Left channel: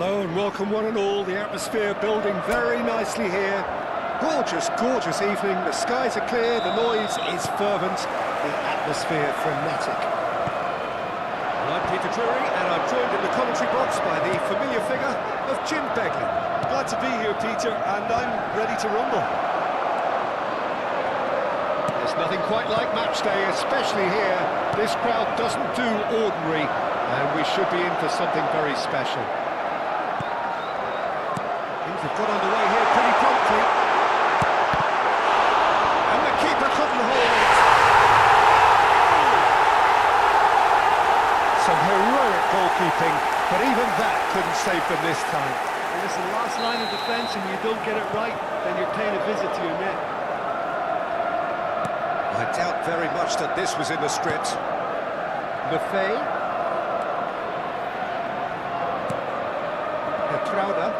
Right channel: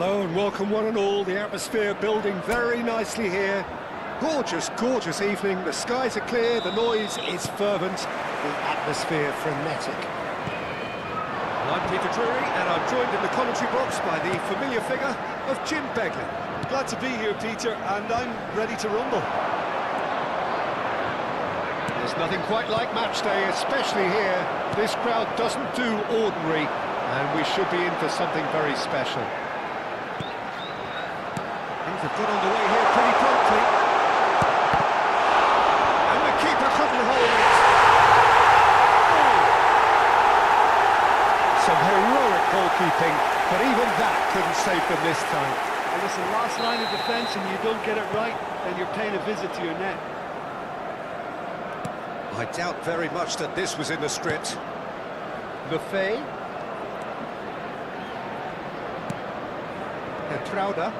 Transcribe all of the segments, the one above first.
Hello and welcome one and all. The atmosphere building very nicely here. Gorgeous, gorgeous evening. The skies are clear, the noise is fervent, the atmosphere frenetic. Well, I'm Peter Drury and I'm joined in the commentary box by the familiar figure of Jim Beglin. Glad to be here, Peter, and I'm ready to rumble. There's nothing quite like match day, especially here. This crowd doesn't do ordinary, and we should be in for something very special. Things have got underway here pretty promptly. And the keeper couldn't hold it. Some heroic goalkeeping, but even that couldn't save them this time. And listen, last line of defence and you don't get it right, then you're paying a visit to your net. I doubt very much that this was in the script. Lefay. Trauda.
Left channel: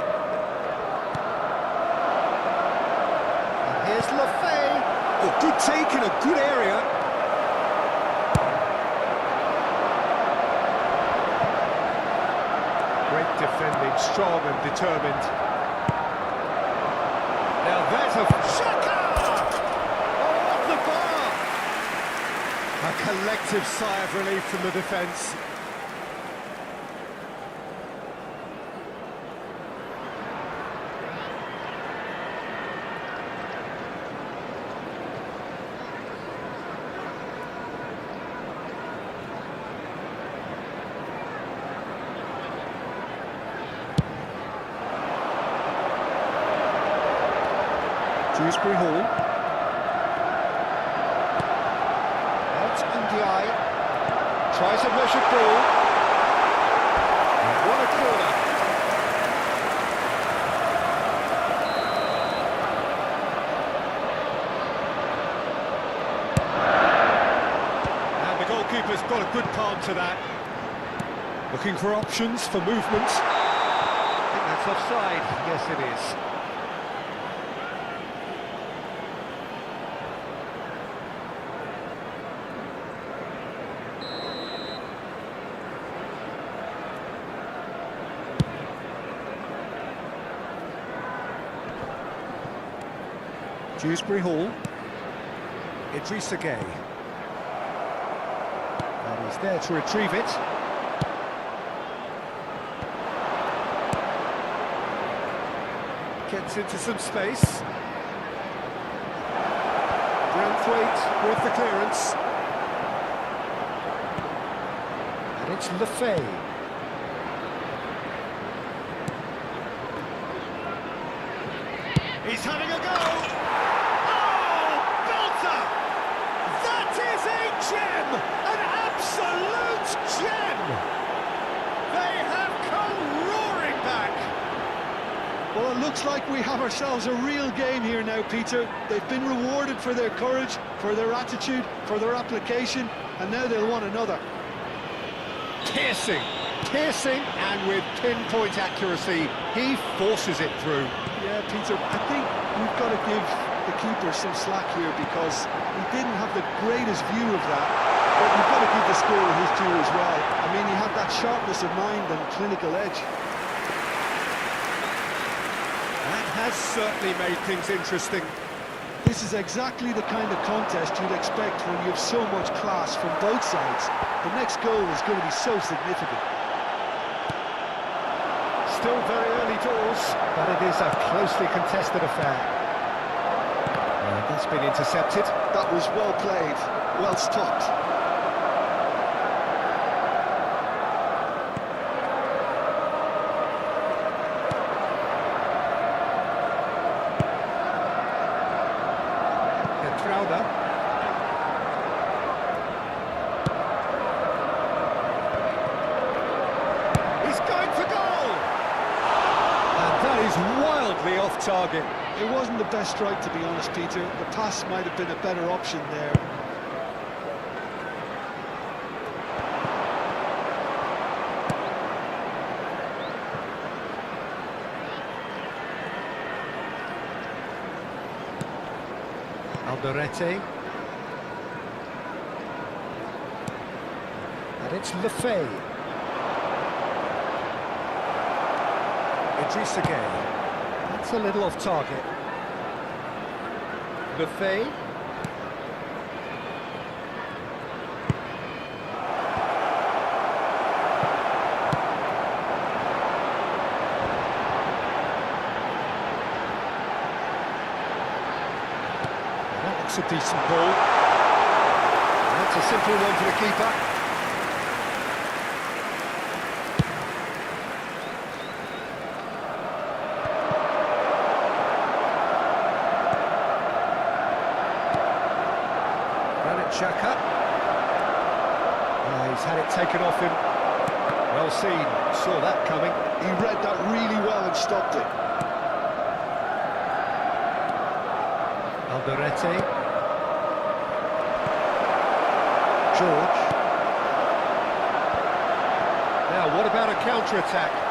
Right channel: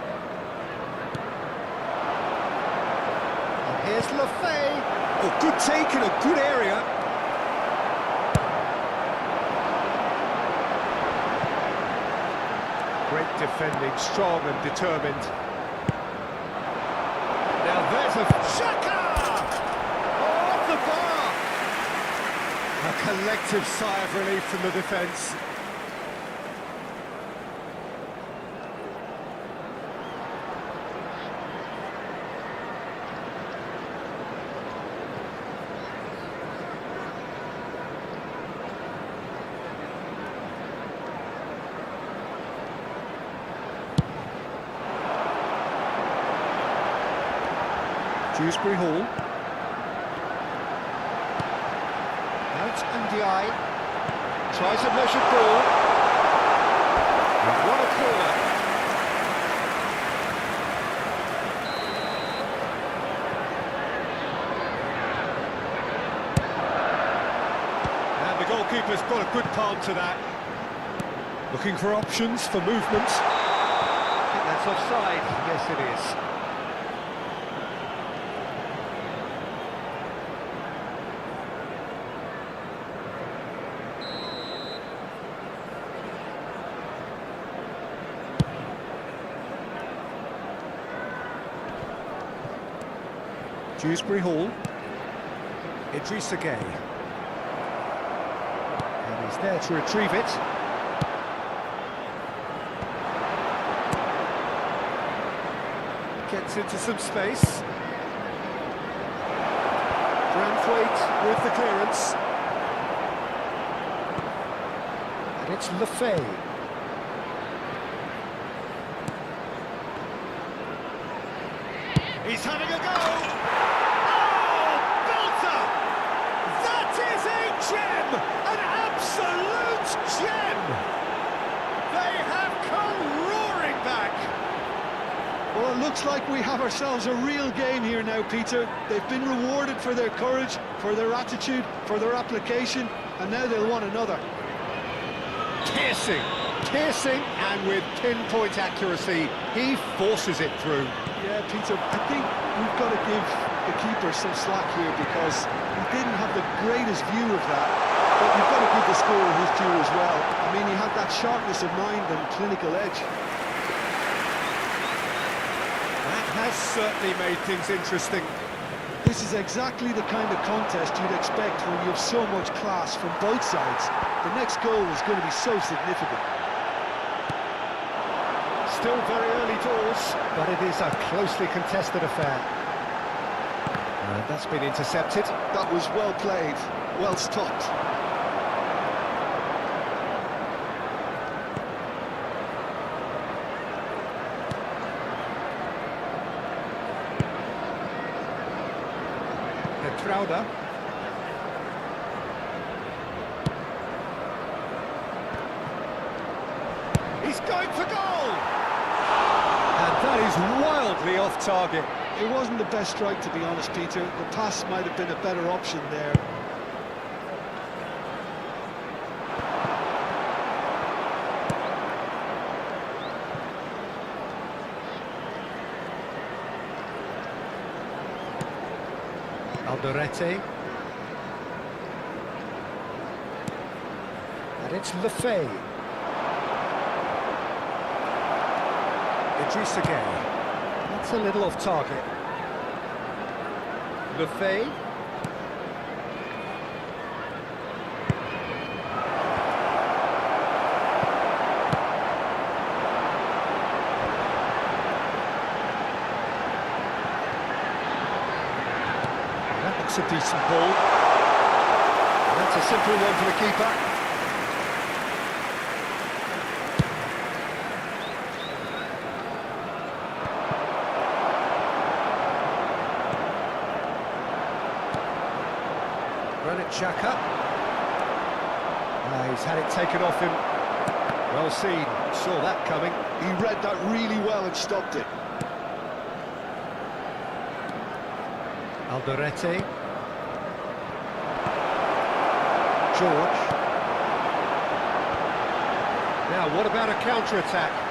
And here's Lefay. Oh, good take in a good area. Great defending, strong and determined. Now there's a Shaka! Oh, off the bar! A collective sigh of relief from the defence. Dewsbury Hall. Out and the eye. Tries a measured ball. And what a corner. And the goalkeeper's got a good palm to that. Looking for options for movement. I think that's offside. Yes, it is. Dewsbury Hall. Idrissa Gueye. And he's there to retrieve it. Gets into some space. Branthwaite with the clearance. And it's Lefay. He's having a go! Gem! An absolute gem! They have come roaring back! Well, it looks like we have ourselves a real game here now, Peter. They've been rewarded for their courage, for their attitude, for their application, and now they'll want another. Piercing, and with pinpoint accuracy, he forces it through. Yeah, Peter, I think we've got to give the keeper some slack here because he didn't have the greatest view of that, but you've got to give the scorer his due as well. I mean, he had that sharpness of mind and clinical edge. That has certainly made things interesting. This is exactly the kind of contest you'd expect when you have so much class from both sides. The next goal is going to be so significant. Still very early doors, but it is a closely contested affair. And that's been intercepted. That was well played, well stopped. Trauda. He's going for goal! And that is wildly off target. It wasn't the best strike, to be honest, Peter. The pass might have been a better option there. Alderete. And it's Lefay. Idrissa Gueye. That's a little off target. Lefebvre. That looks a decent ball. And that's a simple one for the keeper. Xhaka. He's had it taken off him. Well seen, saw that coming. He read that really well and stopped it. Alderete. George. Now, what about a counter-attack?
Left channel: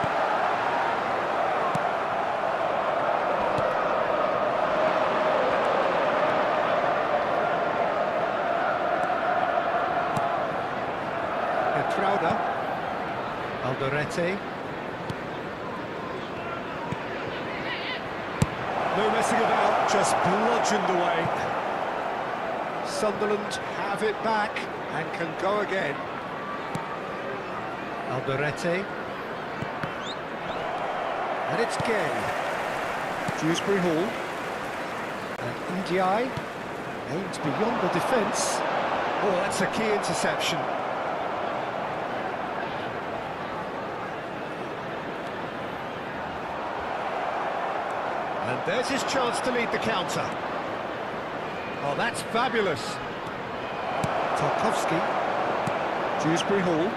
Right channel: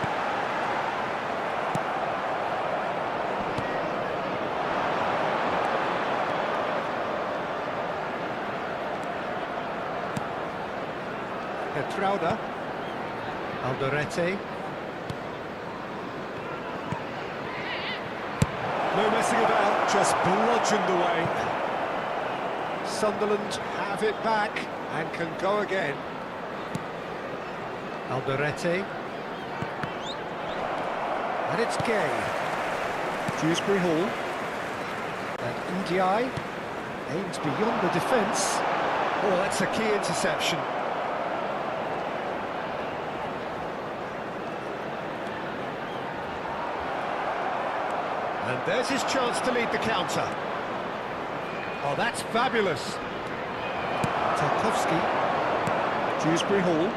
Trauda. Alderete. No messing about, just bludgeoned away. Sunderland have it back and can go again. Alderete. And it's Gueye. Dewsbury Hall. And Ndiaye aims beyond the defence. Oh, that's a key interception. And there's his chance to lead the counter. Oh, that's fabulous. Tarkowski. Dewsbury Hall.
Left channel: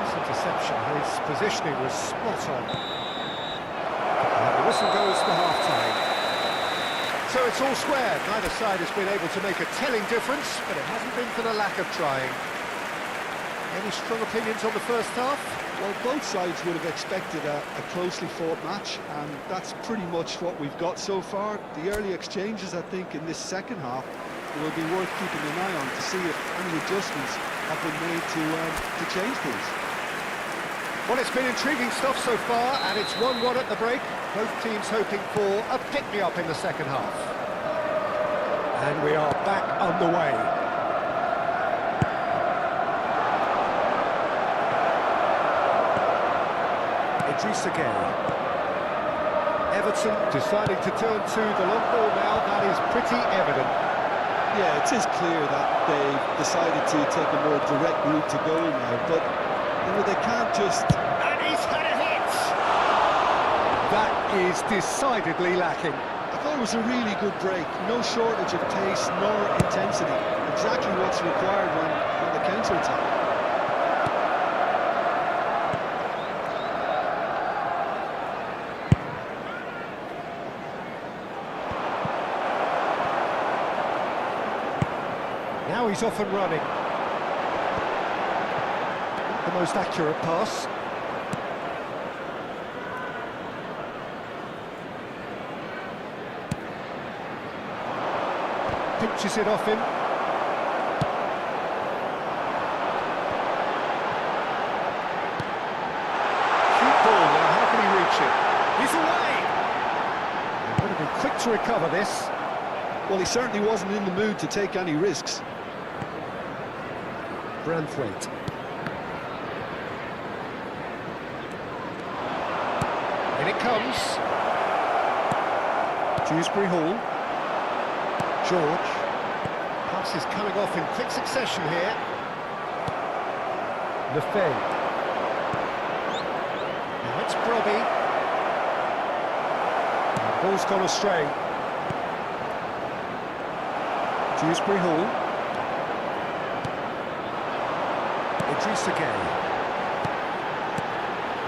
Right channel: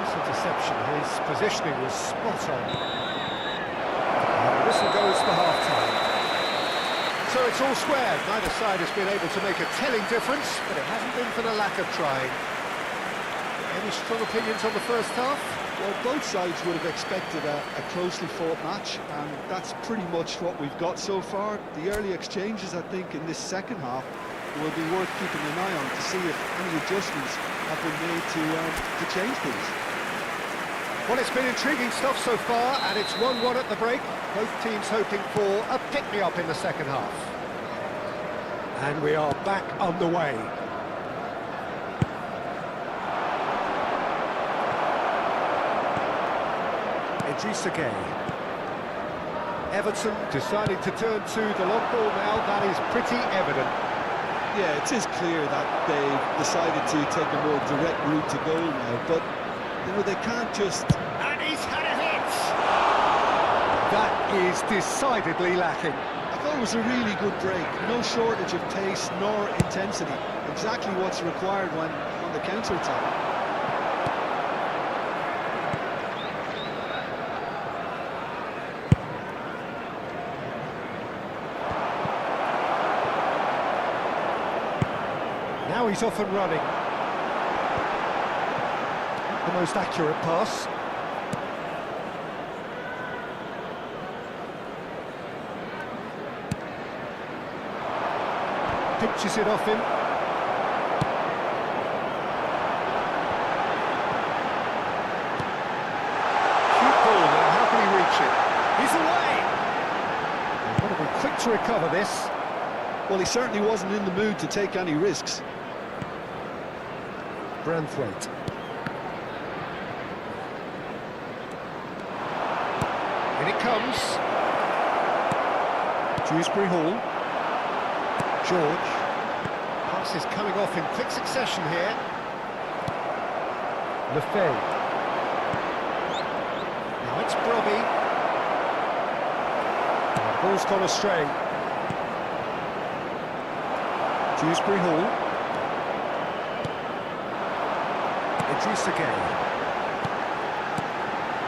Nice interception. His positioning was spot on. And the whistle goes for half-time. So it's all square. Neither side has been able to make a telling difference, but it hasn't been for the lack of trying. Any strong opinions on the first half? Well, both sides would have expected a closely fought match, and that's pretty much what we've got so far. The early exchanges, I think, in this second half will be worth keeping an eye on to see if any adjustments have been made to change things. Well, it's been intriguing stuff so far, and it's 1-1 at the break. Both teams hoping for a pick-me-up in the second half. And we are back underway. Idrissa Gueye. Everton deciding to turn to the long ball now, that is pretty evident. Yeah, it is clear that they've decided to take a more direct route to goal now, but you know, they can't just... And he's had a hit! That is decidedly lacking. I thought it was a really good break, no shortage of pace nor intensity, exactly what's required when the counter-attack. Now he's off and running. The most accurate pass. Pinches it off him. Cute ball now, how can he reach it? He's away! They've got to be quick to recover this. Well, he certainly wasn't in the mood to take any risks. Branthwaite. In it comes. Dewsbury Hall. George. Pass is coming off in quick succession here. Lefebvre. Now it's Brobby. The ball's gone astray. Dewsbury Hall. Idrissa Gueye.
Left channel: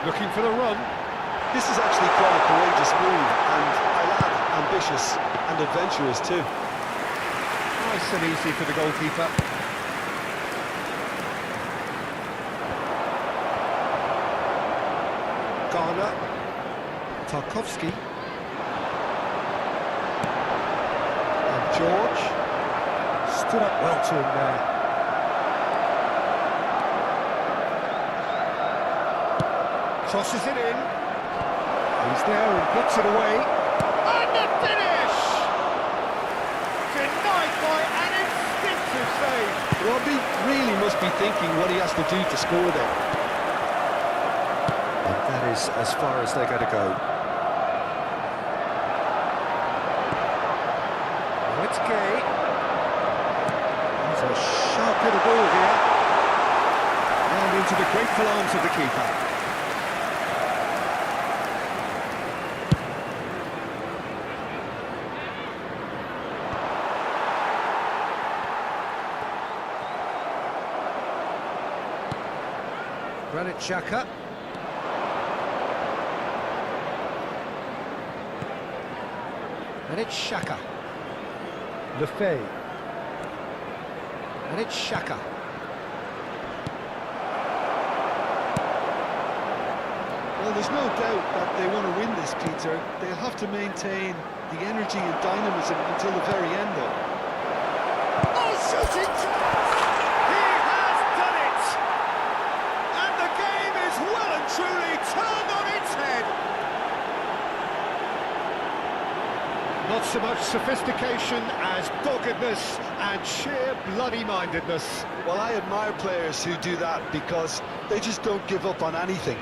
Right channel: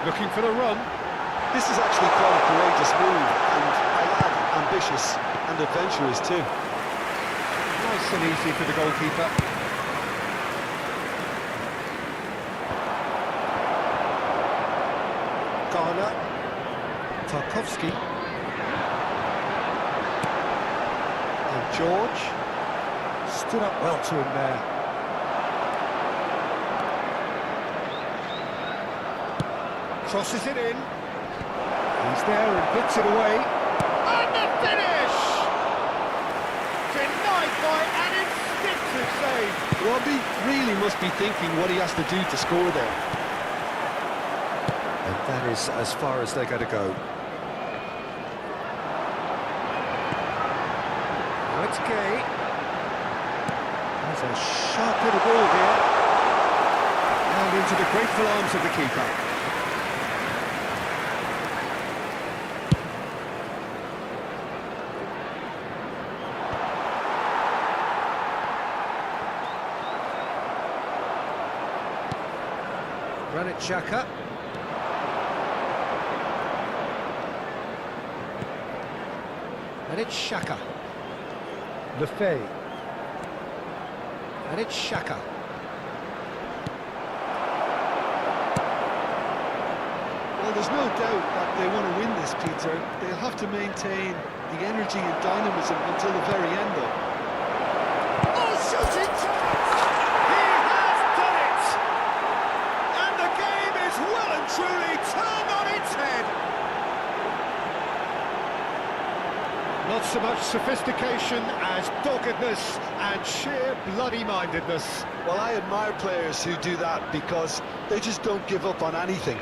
Looking for the run. This is actually quite a courageous move, and I'll add ambitious and adventurous too. Nice and easy for the goalkeeper. Garner. Tarkowski. And George. Stood up well to him there. Crosses it in. He's there and hits it away. And the finish! Denied by an instinctive save. Robbie really must be thinking what he has to do to score there. And that is as far as they're going to go. Now it's Gay. He's a sharp little ball here. And into the grateful arms of the keeper. Granit Xhaka. And it's Xhaka. Lefebvre. And it's Xhaka. Well, there's no doubt that they want to win this, Peter. They'll have to maintain the energy and dynamism until the very end, though. Oh, shooting chance! He has done it! And the game is well and truly turned on its head. Not so much sophistication as doggedness and sheer bloody-mindedness. Well, I admire players who do that because they just don't give up on anything.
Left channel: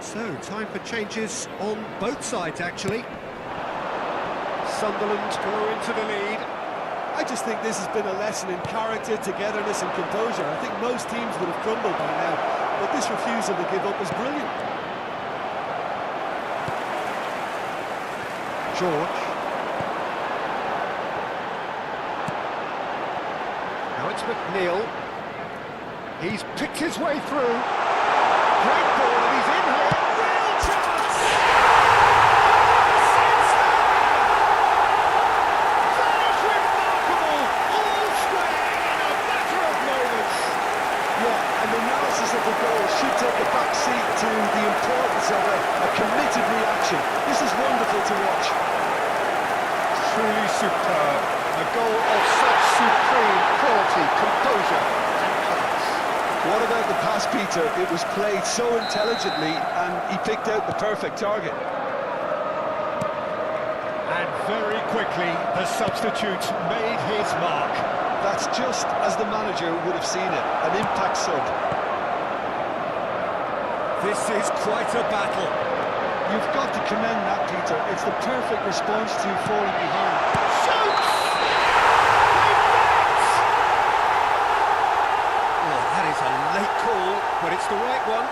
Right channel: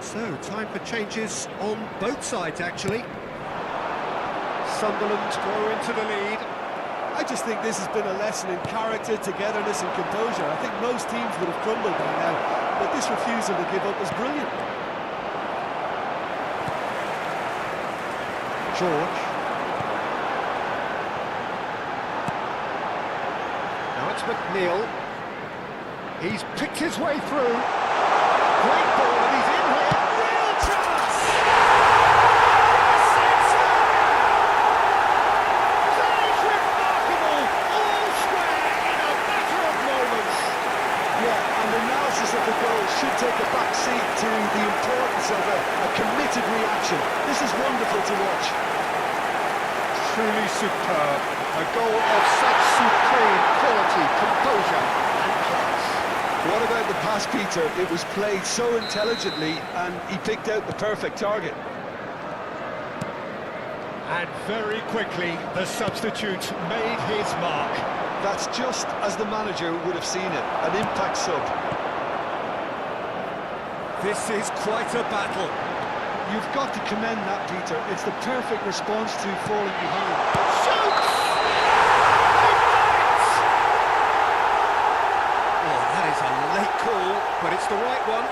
So, time for changes on both sides, actually. Sunderland go into the lead. I just think this has been a lesson in character, togetherness and composure. I think most teams would have crumbled by now, but this refusal to give up is brilliant. George. Now it's McNeil. He's picked his way through. Great ball, and he's in here. Real chance! Yes, it's there! That is remarkable. All square in a matter of moments. Yeah, and the analysis of the goal should take a back seat to the importance of a committed reaction. This is wonderful to watch. Truly superb. A goal of such supreme quality, composure and class. What about the pass, Peter? It was played so intelligently and he picked out the perfect target. And very quickly, the substitute made his mark. That's just as the manager would have seen it, an impact sub. This is quite a battle. You've got to commend that, Peter. It's the perfect response to falling behind. Shoots! They've done it! Oh, that is a late call, but it's the right one.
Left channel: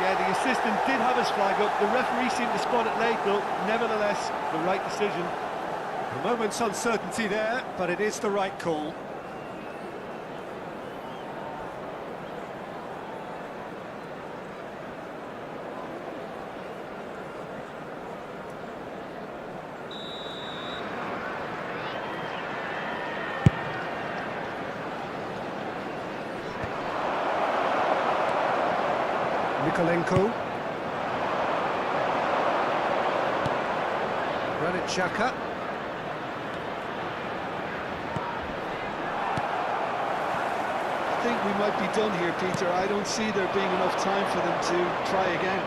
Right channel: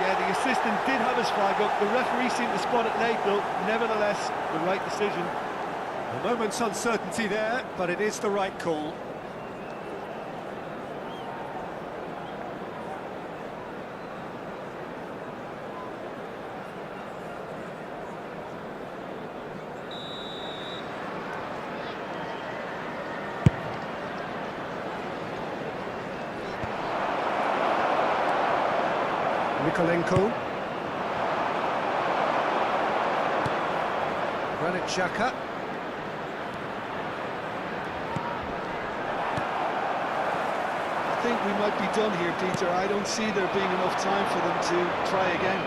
Yeah, the assistant did have his flag up. The referee seemed to spot it late, though. Nevertheless, the right decision. A moment's uncertainty there, but it is the right call. Nikolenko. Granit Xhaka. I think we might be done here, Peter. I don't see there being enough time for them to try again.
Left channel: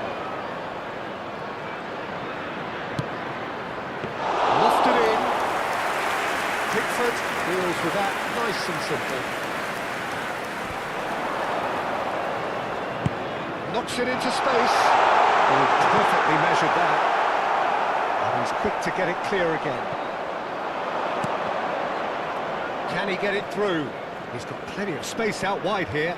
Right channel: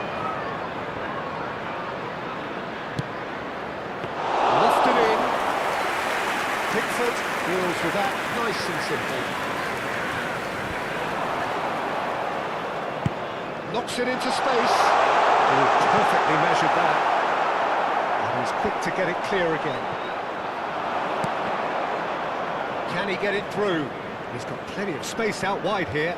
Lofted in. Pickford deals with that nice and simple. Knocks it into space. Oh, perfectly measured that. And he's quick to get it clear again. Can he get it through? He's got plenty of space out wide here.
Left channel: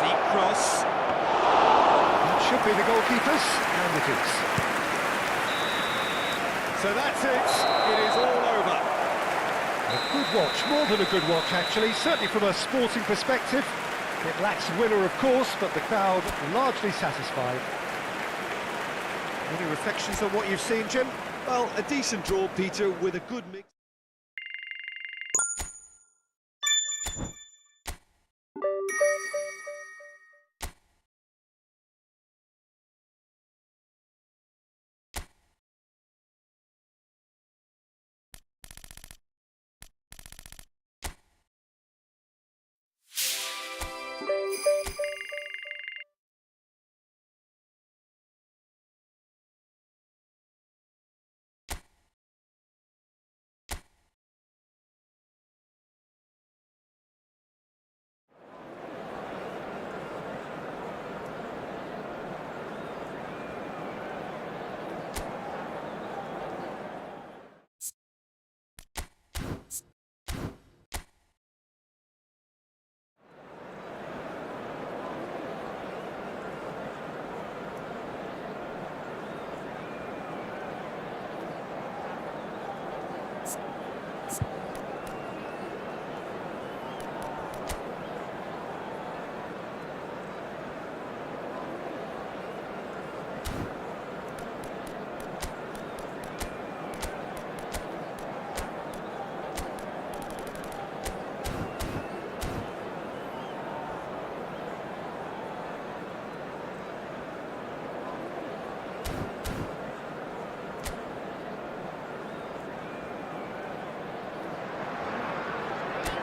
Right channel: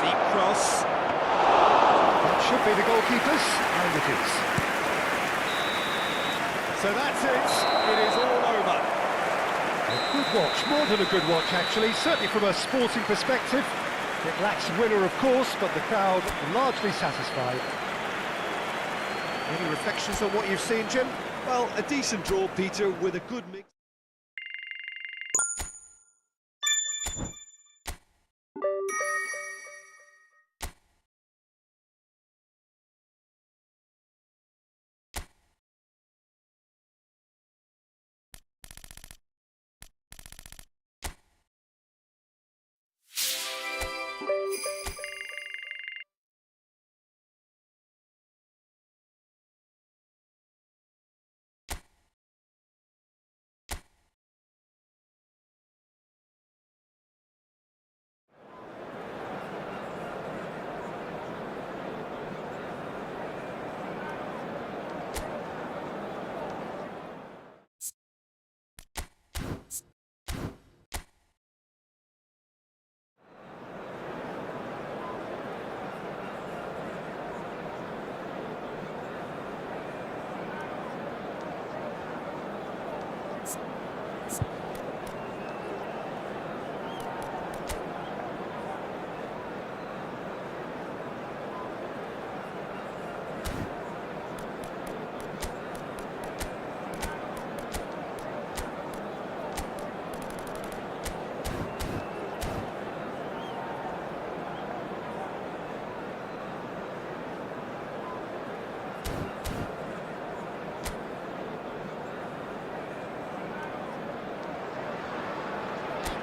Deep cross. That should be the goalkeeper's, and it is. So that's it. It is all over. A good watch, more than a good watch actually, certainly from a sporting perspective. It lacks winner, of course, but the crowd largely satisfied. Any reflections on what you've seen, Jim? Well, a decent draw, Peter, with a good mix.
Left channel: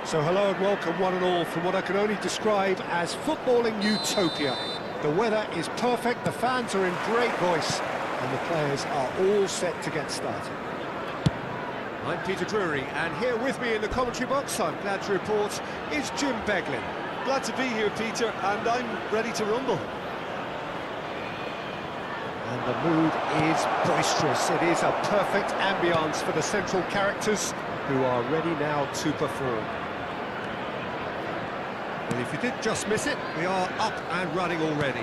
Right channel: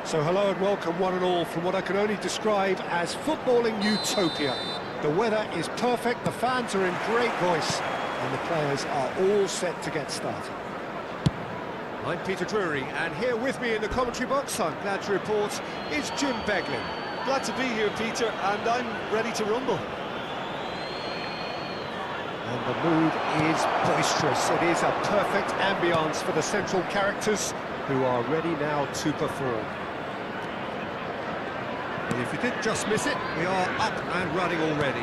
So hello and welcome one and all from what I can only describe as footballing utopia. The weather is perfect, the fans are in great voice, and the players are all set to get started. I'm Peter Drury, and here with me in the commentary box, I'm glad to report, is Jim Beglin. Glad to be here, Peter, and I'm ready to rumble. And the mood is boisterous. It is a perfect ambience for the central characters who are ready now to perform. And if you did just miss it, we are up and running already.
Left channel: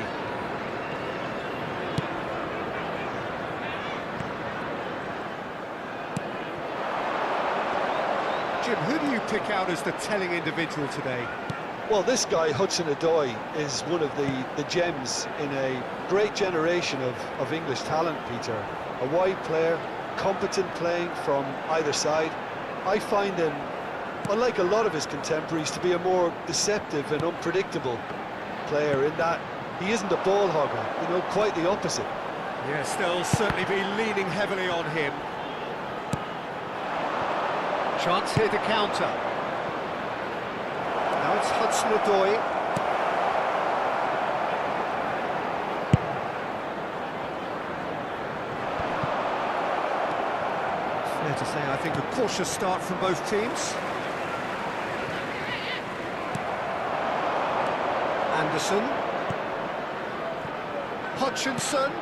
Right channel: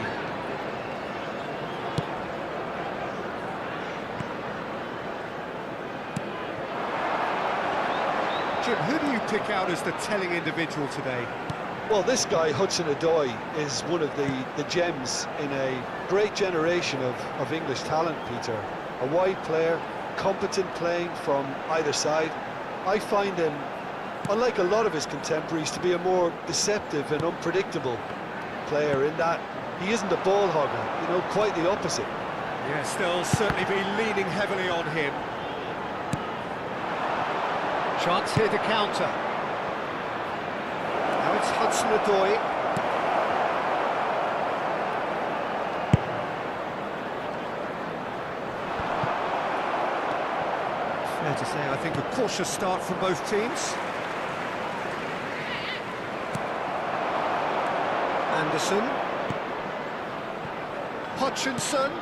Jim, who do you pick out as the telling individual today? Well, this guy, Hudson-Odoi, is one of the gems in a great generation of English talent, Peter. A wide player, competent playing from either side. I find him, unlike a lot of his contemporaries, to be a more deceptive and unpredictable player in that he isn't a ball hogger, you know, quite the opposite. Yes, they'll certainly be leaning heavily on him. Chance here to counter. Now it's Hudson-Odoi. Fair to say, I think a cautious start from both teams. Anderson. Hutchinson.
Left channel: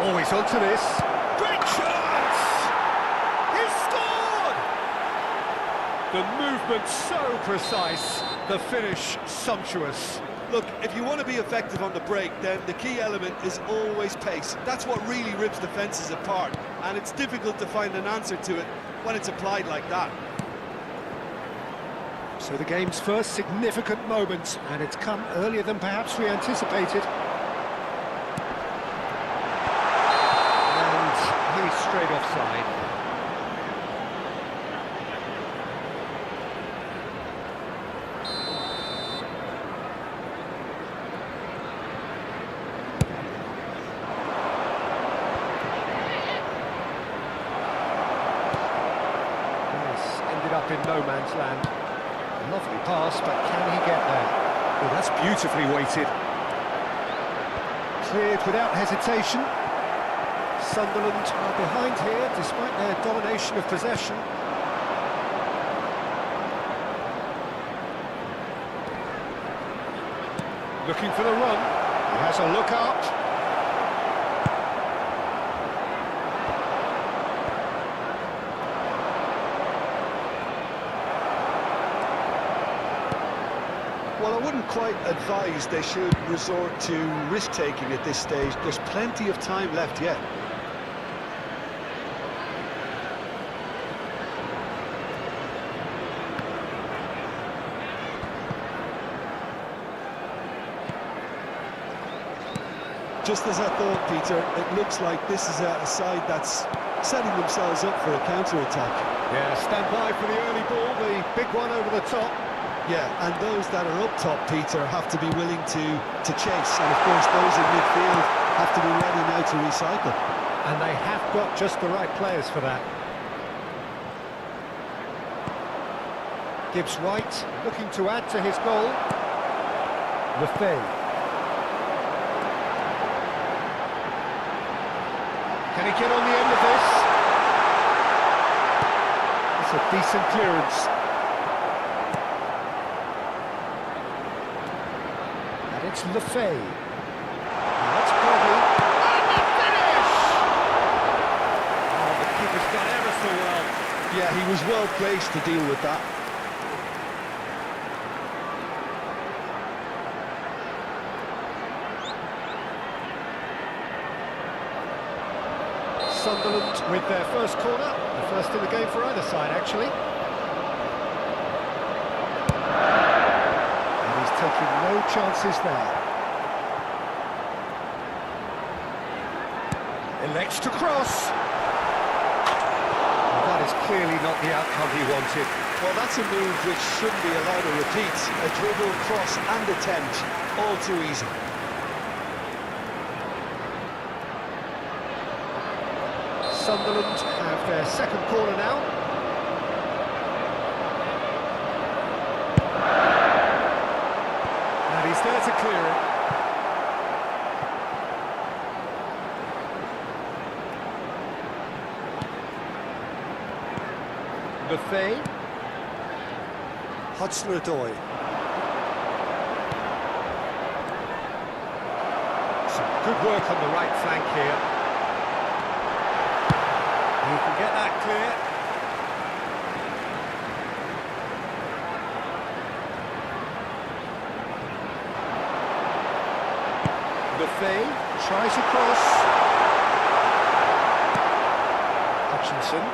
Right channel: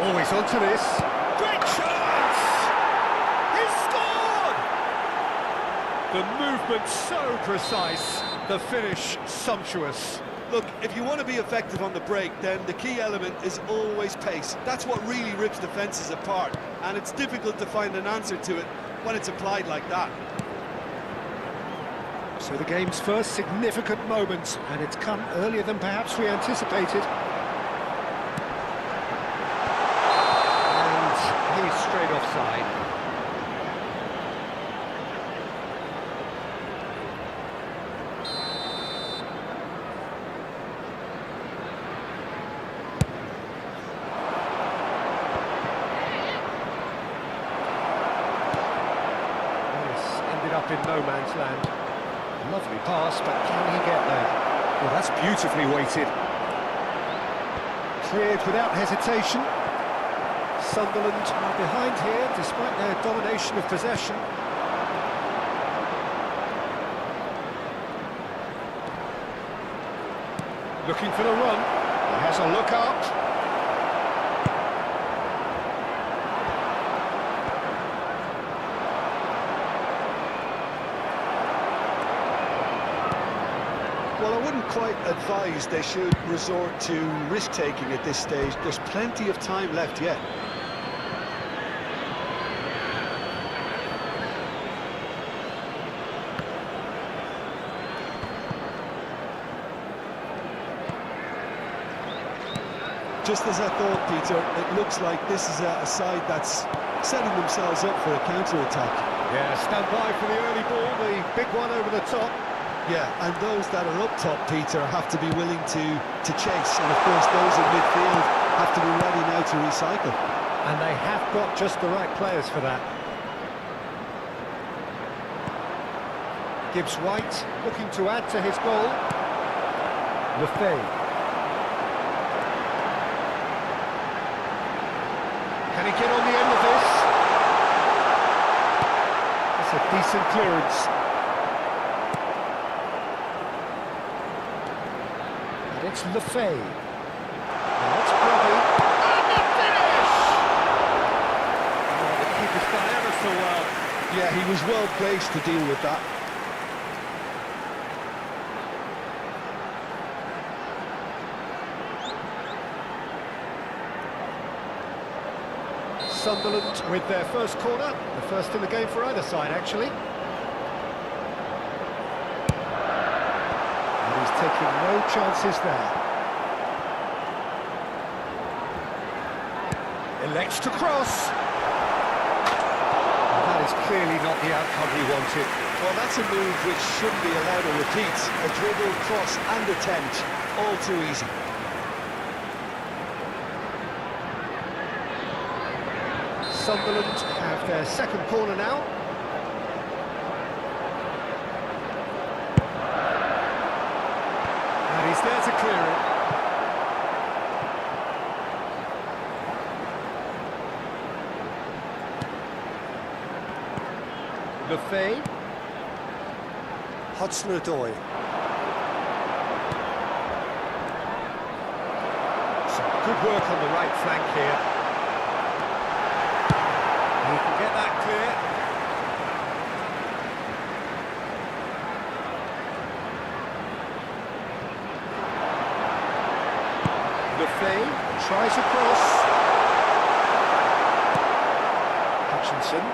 Always onto this. Great chance! He's scored! The movement so precise, the finish sumptuous. Look, if you want to be effective on the break, then the key element is always pace. That's what really rips defences apart, and it's difficult to find an answer to it when it's applied like that. So the game's first significant moment, and it's come earlier than perhaps we anticipated. And he's straight offside. Yes, ended up in no man's land. Lovely pass, but can he get there? Well, that's beautifully weighted. Cleared without hesitation. Sunderland are behind here, despite their domination of possession. Looking for the run. He has a look up. Well, I wouldn't quite advise they should resort to risk-taking at this stage. There's plenty of time left yet. Just as I thought, Peter, it looks like this is a side that's setting themselves up for a counter-attack. Yeah, stand by for the early ball, the big one over the top. Yeah, and those that are up top, Peter, have to be willing to chase, and of course those in midfield have to be ready now to recycle. And they have got just the right players for that. Gibbs White looking to add to his goal. Lefebvre. Can he get on the end of this? It's a decent clearance. And it's Lefebvre. Now that's Brody. And the finish! Oh, the keeper's done ever so well. Yeah, he was well placed to deal with that. Sunderland with their first corner, the first in the game for either side, actually. And he's taking no chances there. Elects to cross. Well, that is clearly not the outcome he wanted. Well, that's a move which shouldn't be allowed to repeat. A dribble, cross and attempt, all too easy. Sunderland have their second corner now. And he's there to clear it. Lefebvre. Hudson-Odoi. Some good work on the right flank here. He can get that clear. Lefebvre tries across. Hutchinson.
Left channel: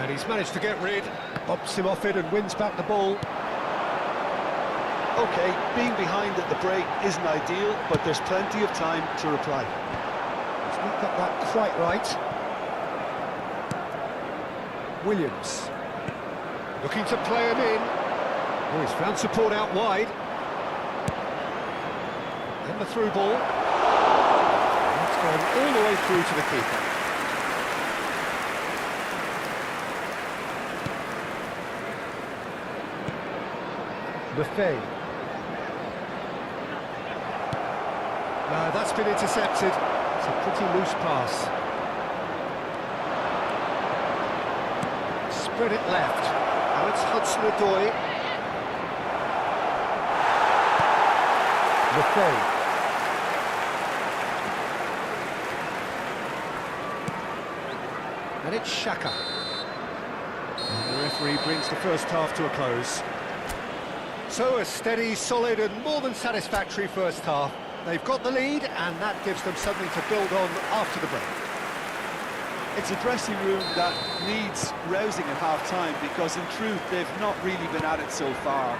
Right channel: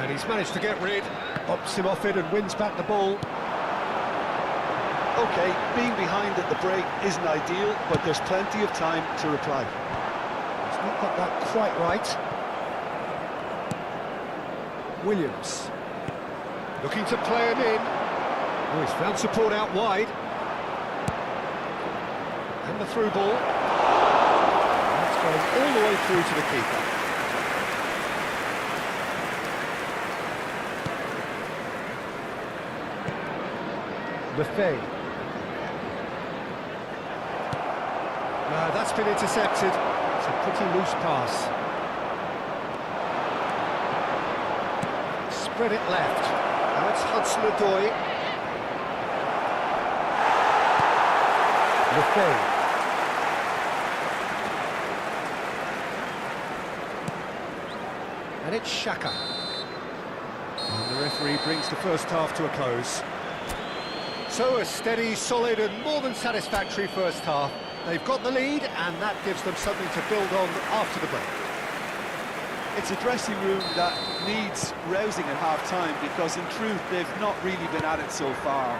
And he's managed to get rid. Bops him off it and wins back the ball. OK, being behind at the break isn't ideal, but there's plenty of time to reply. He's not got that quite right. Williams. Looking to play him in. Oh, he's found support out wide. And the through ball. And it's gone all the way through to the keeper. Lefebvre. No, that's been intercepted. It's a pretty loose pass. Spread it left. Now it's Hudson-Odoi. Lefebvre. And it's Xhaka. And the referee brings the first half to a close. So a steady, solid and more than satisfactory first half. They've got the lead and that gives them something to build on after the break. It's a dressing room that needs rousing at half-time because in truth they've not really been at it so far.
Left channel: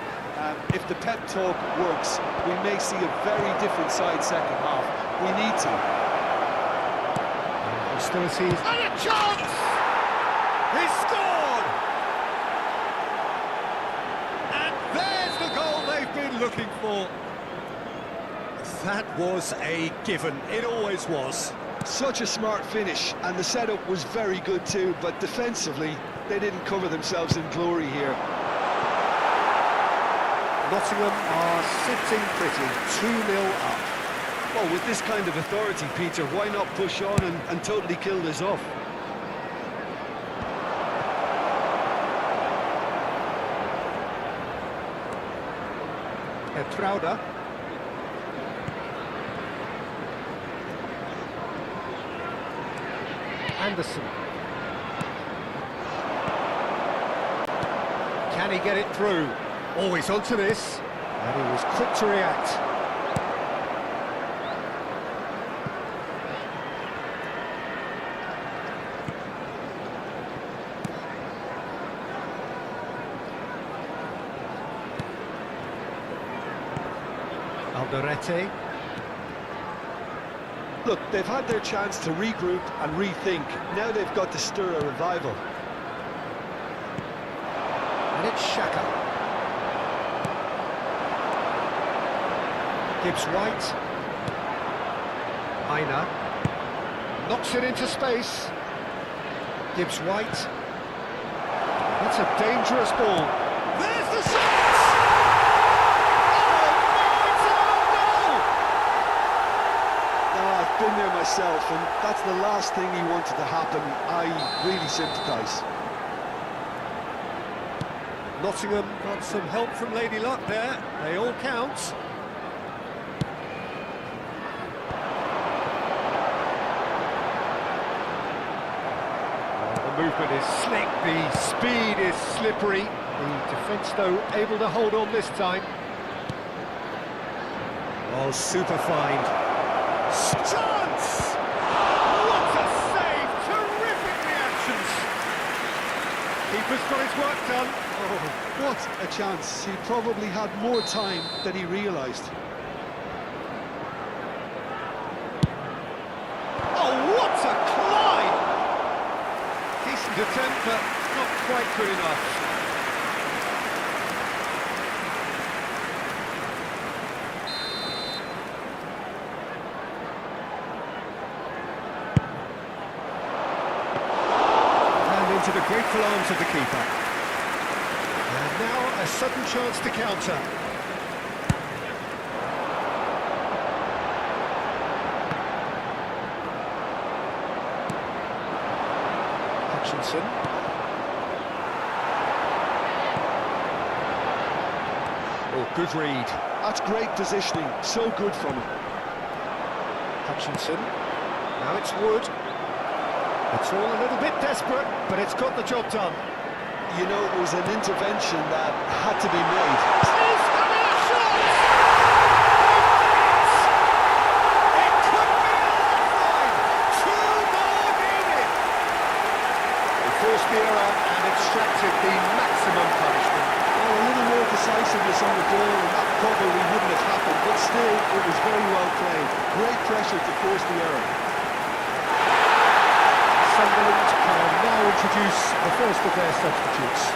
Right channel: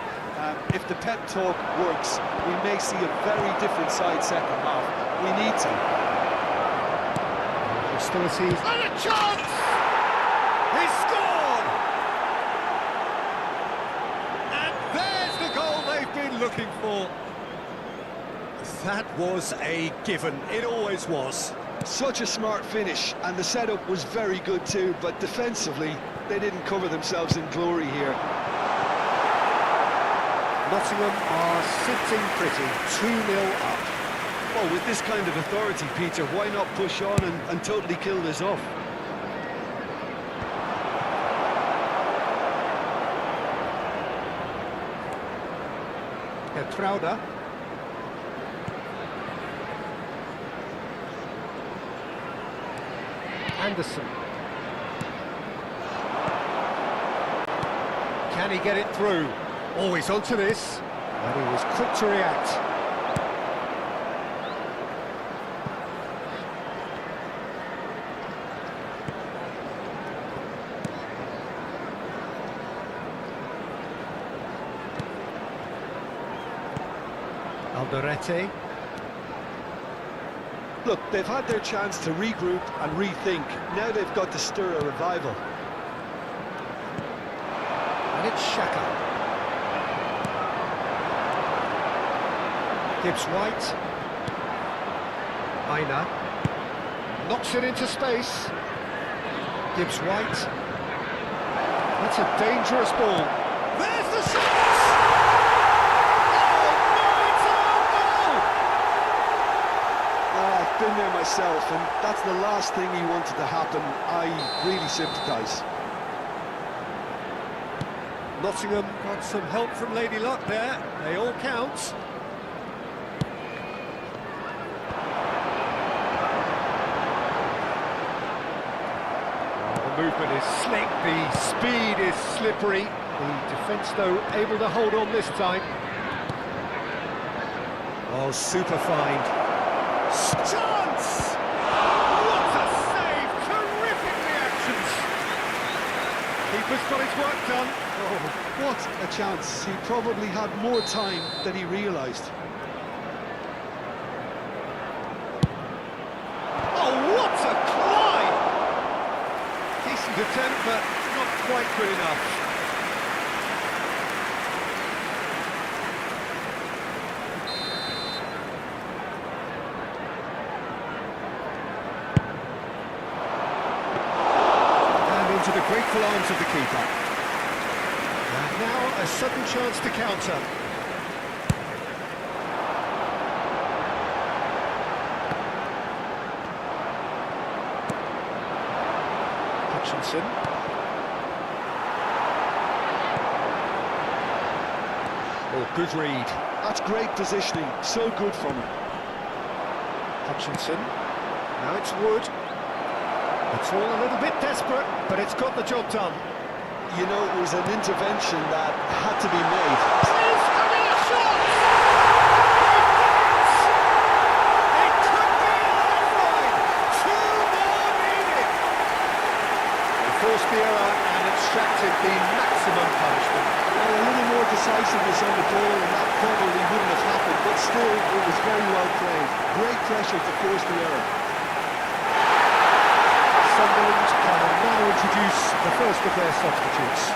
If the pep talk works, we may see a very different side second half. We need to. Hostilities. And a chance! He's scored! And there's the goal they've been looking for. That was a given. It always was. Such a smart finish, and the setup was very good too, but defensively, they didn't cover themselves in glory here. Nottingham are sitting pretty, 2-0 up. Well, with this kind of authority, Peter, why not push on and totally kill this off? Etrauda. Anderson. Can he get it through? Oh, he's onto this. And he was quick to react. Alderete. Look, they've had their chance to regroup and rethink. Now they've got to stir a revival. And it's Xhaka. Gibbs White. Aina. Knocks it into space. Gibbs White. That's a dangerous ball. There's the shot! Oh no, it's an own goal! No, I've been there myself, and that's the last thing he wanted to happen. I really sympathise. Nottingham got some help from Lady Luck there. They all count. The movement is slick, the speed is slippery. The defence, though, able to hold on this time. Oh, super find. Chance! What a save! Terrific reactions! Keeper's got his work done. Oh, what a chance. He probably had more time than he realised. Oh, what a climb! Decent attempt, but not quite good enough. And into the grateful arms of the keeper. And now a sudden chance to counter. Hutchinson. Oh, good read. That's great positioning, so good from him. Hutchinson. Now it's Wood. It's all a little bit desperate, but it's got the job done. You know, it was an intervention that had to be made. He's having a shot! They've done it! It could be a lifeline! Two more needed! They forced the error and extracted the maximum punishment. Well, a little more decisiveness on the ball and that probably wouldn't have happened, but still, it was very well played. Great pressure to force the error. Sunderland can now introduce the first of their substitutes.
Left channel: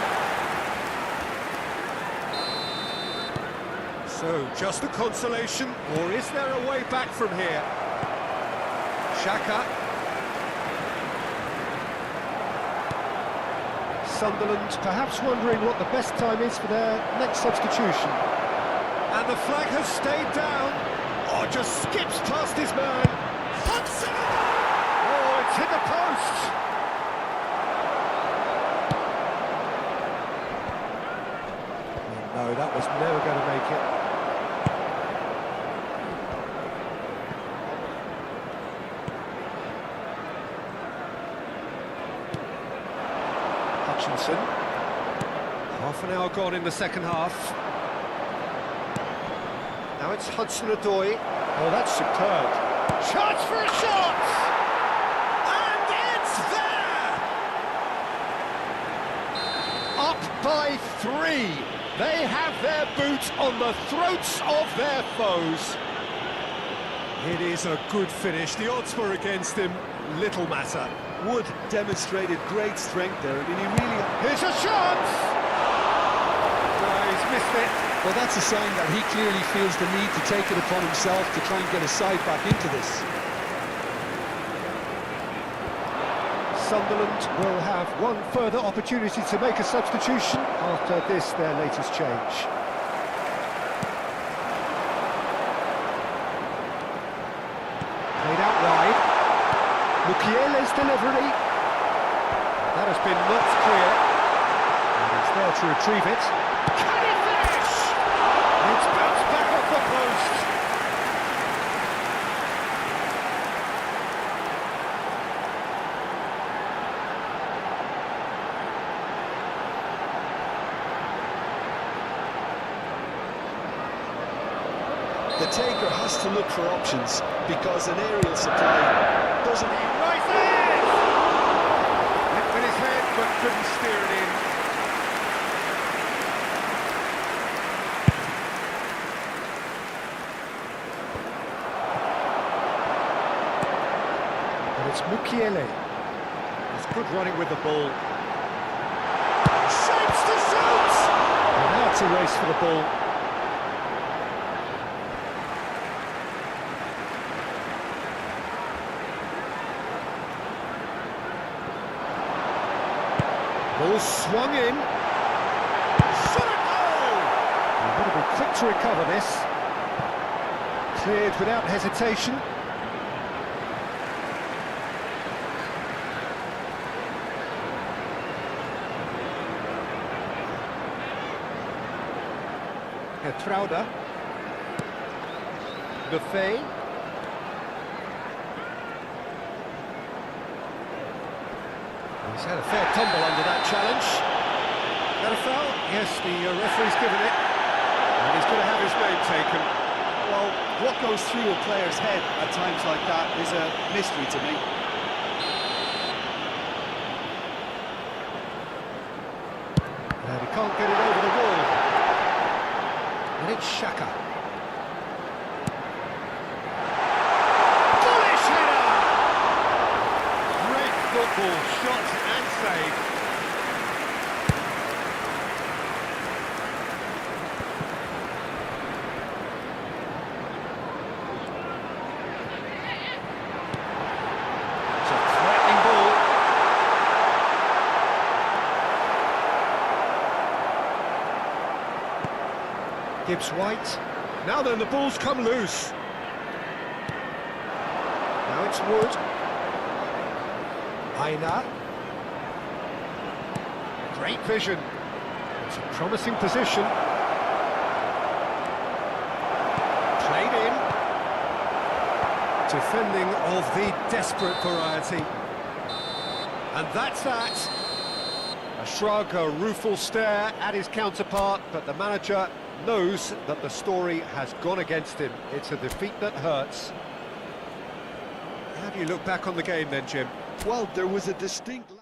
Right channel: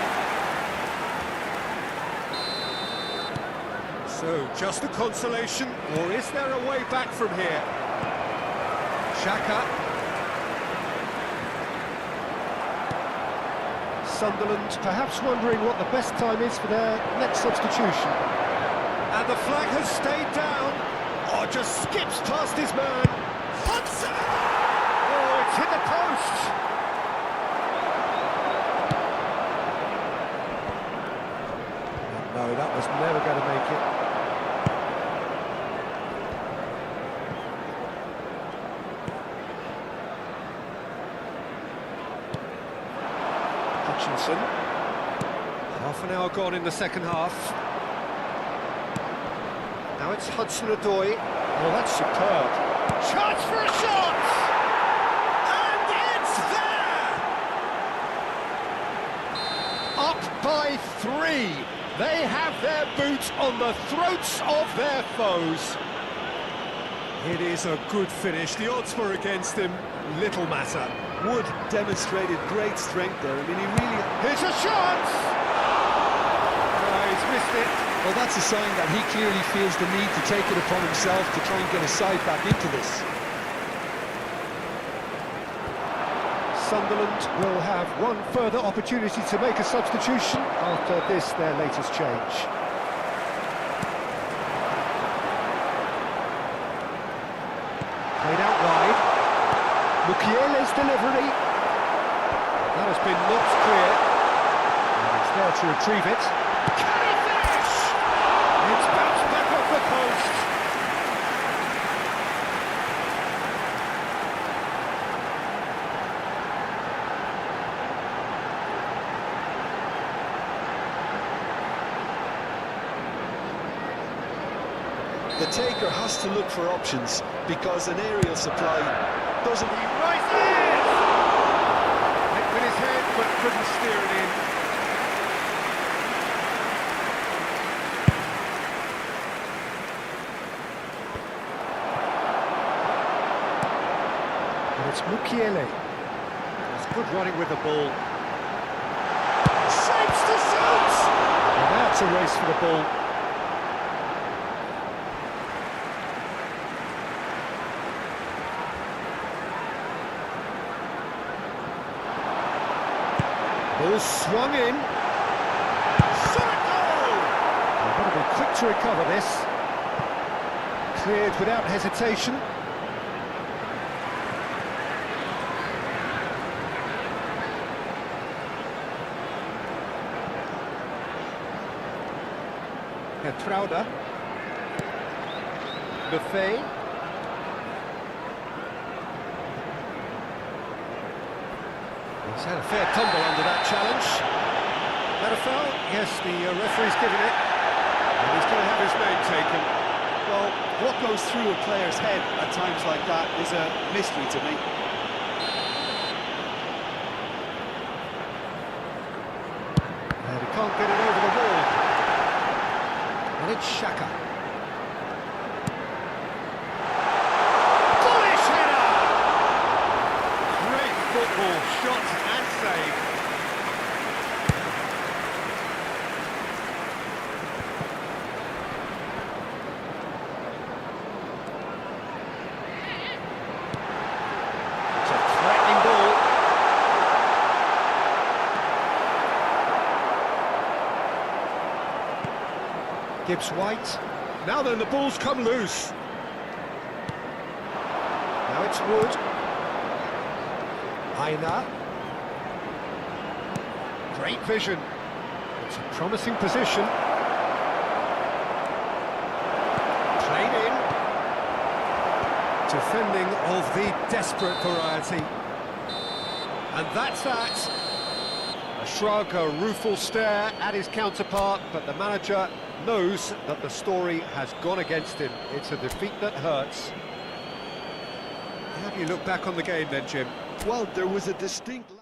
So, just a consolation, or is there a way back from here? Xhaka. Sunderland perhaps wondering what the best time is for their next substitution. And the flag has stayed down. Oh, just skips past his man. Hudson! Oh, it's hit the post! No, that was never going to make it. Hutchinson. Half an hour gone in the second half. Now it's Hudson-Odoi. Oh, that's superb. Chance for a shot! And it's there! Up by 3. They have their boot on the throats of their foes. It is a good finish. The odds were against him. Little matter. Wood demonstrated great strength there. I mean, he really... Here's a chance! No, he's missed it. Well, that's a sign that he clearly feels the need to take it upon himself to try and get his side back into this. Sunderland will have one further opportunity to make a substitution after this, their latest change. Played out wide. Mukiele's delivery. That has been knocked clear. And he's there to retrieve it. Can he finish? It's bounced back off the post. The taker has to look for options because an aerial supply doesn't... He rises! Hit with his head, but couldn't steer it in. it's Mukiele. That's good running with the ball. Shapes to shoot! And now it's a race for the ball. Ball swung in. Shot at goal! You've got to be quick to recover this. Cleared without hesitation. Trauda. Buffet. He's had a fair tumble under that challenge. Is that a foul? Yes, the referee's given it. And he's going to have his name taken. Well, what goes through a player's head at times like that is a mystery to me. And he can't get it over the wall. And it's Xhaka. Bullish header! Great football, shot and save. It's a threatening ball. Gibbs White. Now then, the ball's come loose. Now it's Wood. Aina. Great vision. It's a promising position. Played in. Defending of the desperate variety. And that's that. A shrug, a rueful stare at his counterpart, but the manager knows that the story has gone against him. It's a defeat that hurts. How do you look back on the game then, Jim? Well, there was a distinct...